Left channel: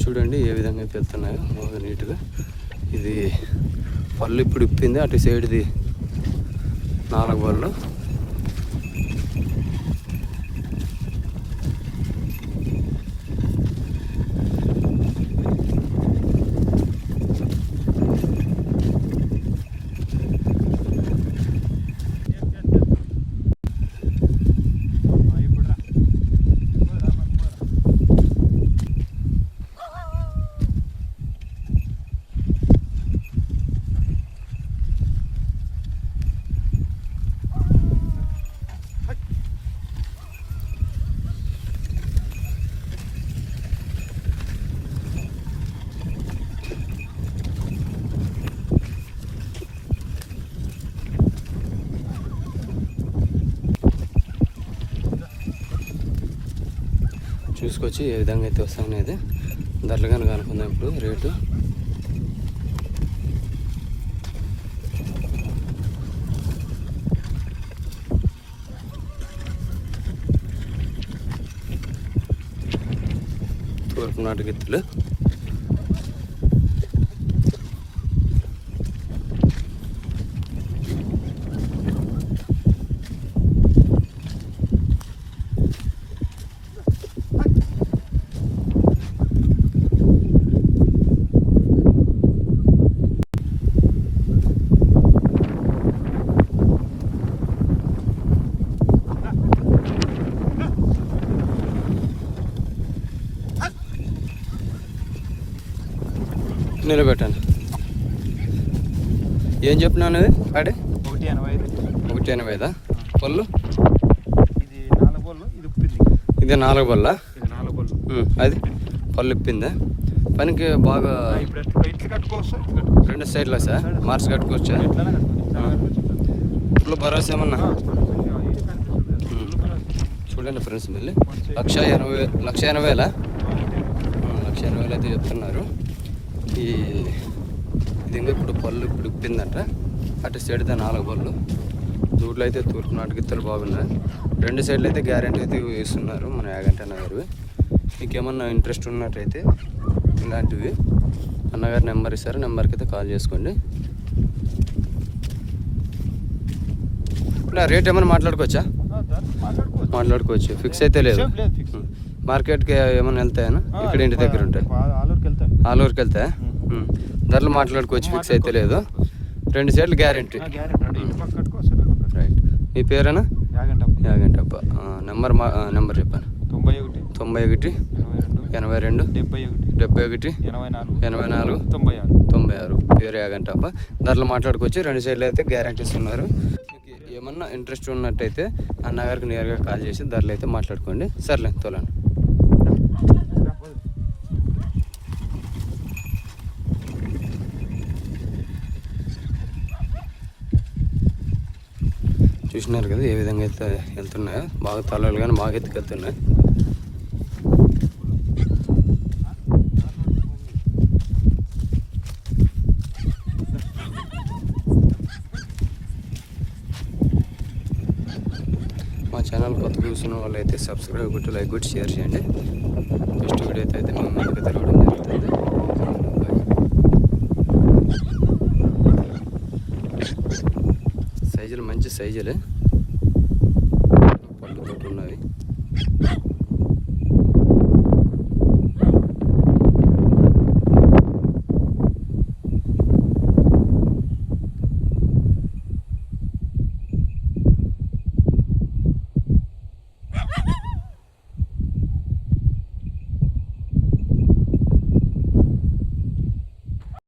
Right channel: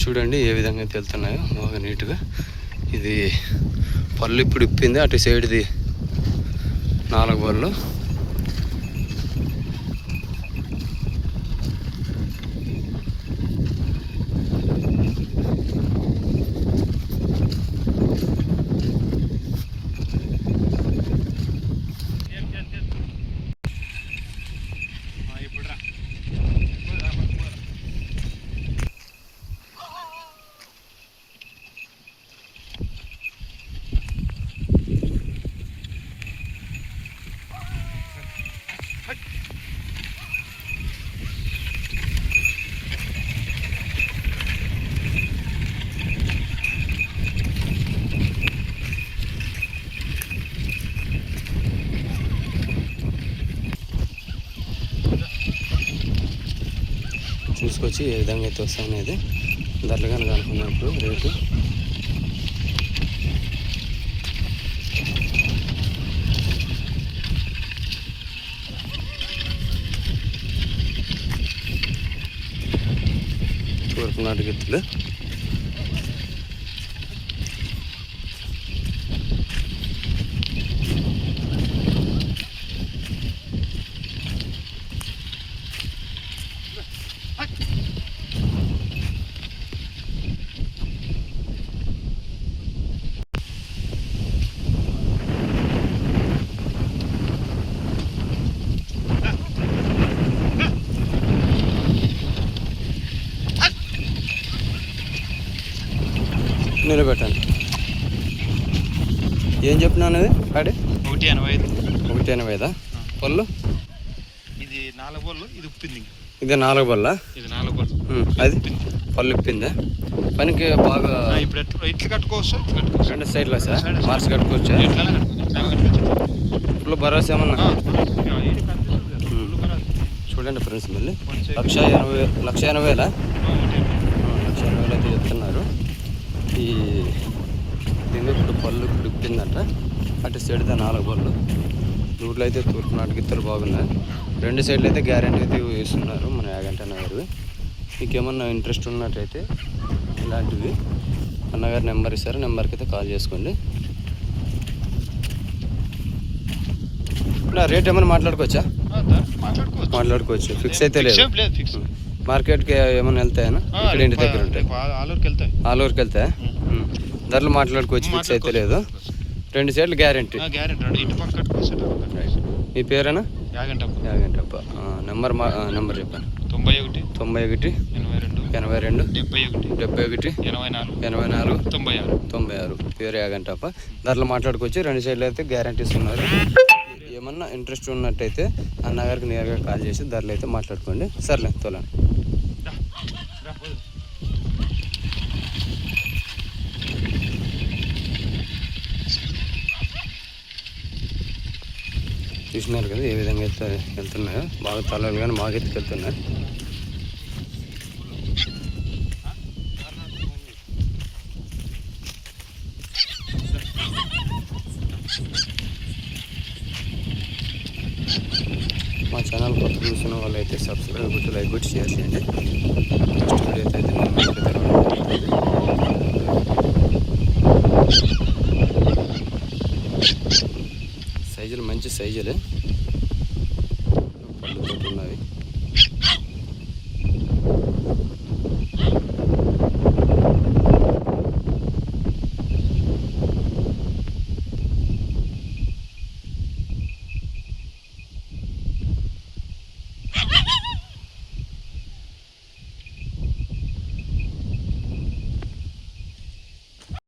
చూడండి ఏ విధంగా అయితే వెళ్తున్నాయో బాగా నీట్గా. ఇది పళ్ళు ఇప్పుడు ఇప్పింది, అటు సైడ్ది 4 బళ్ళు. చూసుకొచ్చి ఏ విధంగా అయితే వస్తామనేది ధరలు కానీ కనుక్కున్నప్పుడు రేటు. తూర్పు నాటు గిత్తులు నిలబెట్టండి. ఏం చెప్పినాను అది ఆడే? 185. 185. పళ్ళు ఇది 4 బళ్ళు, ఇది ఉప్పింది. ఇది 4 బళ్ళ. ఇది 4 బళ్ళు. అది పళ్ళు ఇప్పిందా? పనికి బాగా ఇప్పుడు ఇట్లా కట్టుకోవచ్చు, 2 సైడ్లా సార్ మార్చి కట్టుకోవచ్చా? ఇప్పుడు భరోసా ఏమన్నా? చూడండి ఫ్రెండ్స్, మళ్ళీ 1,80,000 అయితే చెప్తున్నారు. ఈ దింగు ఇప్పుడు పళ్ళు ఇప్పుడు ఇప్పిందంట. అటు సైడ్దే 4 బళ్ళు. రూట్లో అయితే తూర్పు నాటు గిత్తలు బాగున్నాయి. 2 సైడ్లు అయితే గ్యారెంటీ అయితే ఇస్తున్నారు మన యాగంటి అన్నగారు. మీకు ఏమన్నా ఇంట్రెస్ట్ ఉన్నట్టయితే ఇలాంటివి అన్నగారి నెంబర్ ఇస్తారు, నెంబర్కి అయితే కాల్ చేసుకోండి. ఇలా రేట్ ఏమైనా మాట్లాడుకోవచ్చా? మాట్లాడుకోవచ్చు. ఫిక్స్ అయితే లేదు. మార్కెట్కి ఏమైనా వెళ్తాయనా? ఇక్కడ ఇంటి దగ్గర ఉంటాయి. ఆలూరుకి వెళ్తాయా? ధరలు మాట్లాడుకోవచ్చు. ఫిక్స్ అయితే లేదు. 2 సైడ్లు గ్యారెంటీ. మీ పేరేనా? యాగంటప్ప. నెంబర్ చెప్పాను. 91 82 81 74 96. పేరు యాగంటప్ప. ధరలు మాట్లాడుకోవచ్చు. 2 సైడ్లు అయితే గ్యారెంటీస్ ఉన్నారు. ఏమన్నా ఇంట్రెస్ట్ ఉన్నట్టయితే అన్నగారికి నేరుగా కాల్ చేసి ధరలు అయితే మాట్లాడుకోండి. సర్లే తోలండి. చూసినారు కదా ఏ విధంగా అయితే వెళ్తున్నాయో. బాగా తలలు కానీ బాగా అయితే వెళ్తున్నాయి. మా ఛానల్ కొత్త చూసిన వాళ్ళు అయితే సబ్స్క్రైబ్ కొట్టి లైక్ కొట్టి షేర్ చేయండి. నెక్స్ట్ వీడియో అయితే నేను మీకు తెలవడం జరుగుతుంది. సైజులు మంచి సైజులే, పళ్ళు తోటి ఉన్నవి.